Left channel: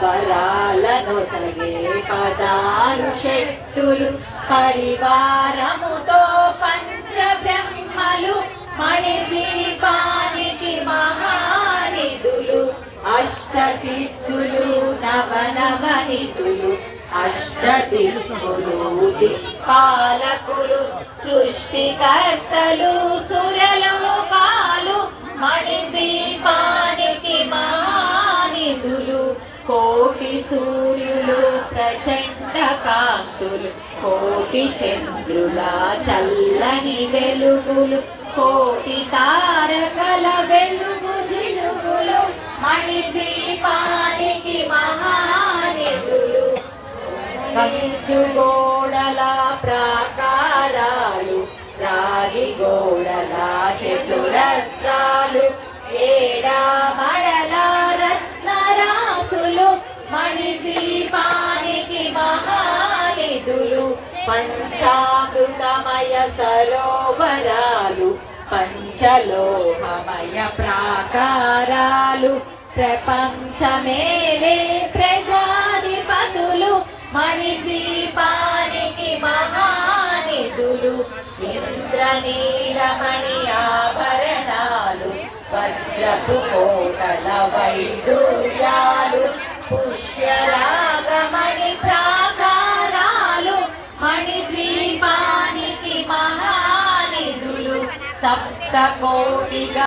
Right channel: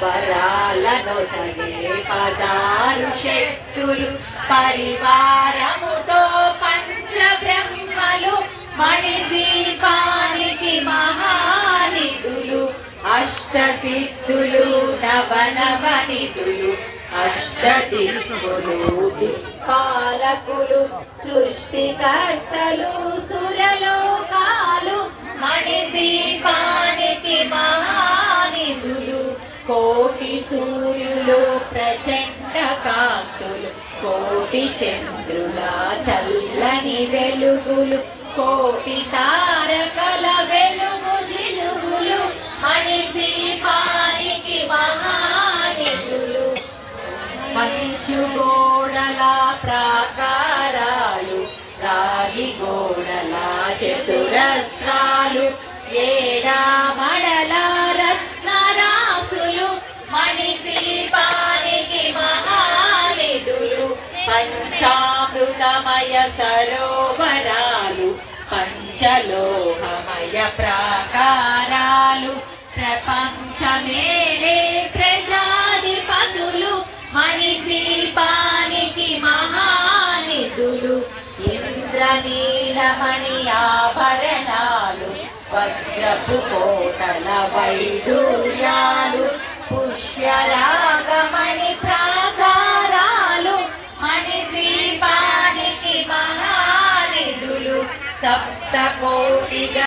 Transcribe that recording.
వరాలను పదారు శక్తులు పరివారముతో పంచబ్రహ్మలు మణిదీపానికి మహానిధులు అష్ట సిద్ధులు నవనవనిధులు అష్టదిక్కులు పాలకులు సృష్టికర్తలు సురలో సూర్యులు ప్రచండ కాంతులు కోటి చంద్రుల చల్లని వెలుగులు కోటి తారకల వెలుగు జిలుగులు మణి దీపానికి మహానిధులు కంచు గోడల ప్రాకారాలు రాగి గోడల చతురస్రా పంచామృతమయ సరోవరాలు పంచలోహమయ ప్రాకారాలు ప్రపంచమేలే ప్రజాధిపతులు మణిద్వీపానికి మహానిధులు ఇంద్రనీలమణి ఆభరణాలు వజ్రపు కోటల వైద్యు మణిద్వీపానికి మహానిధులు సప్త కోటిగా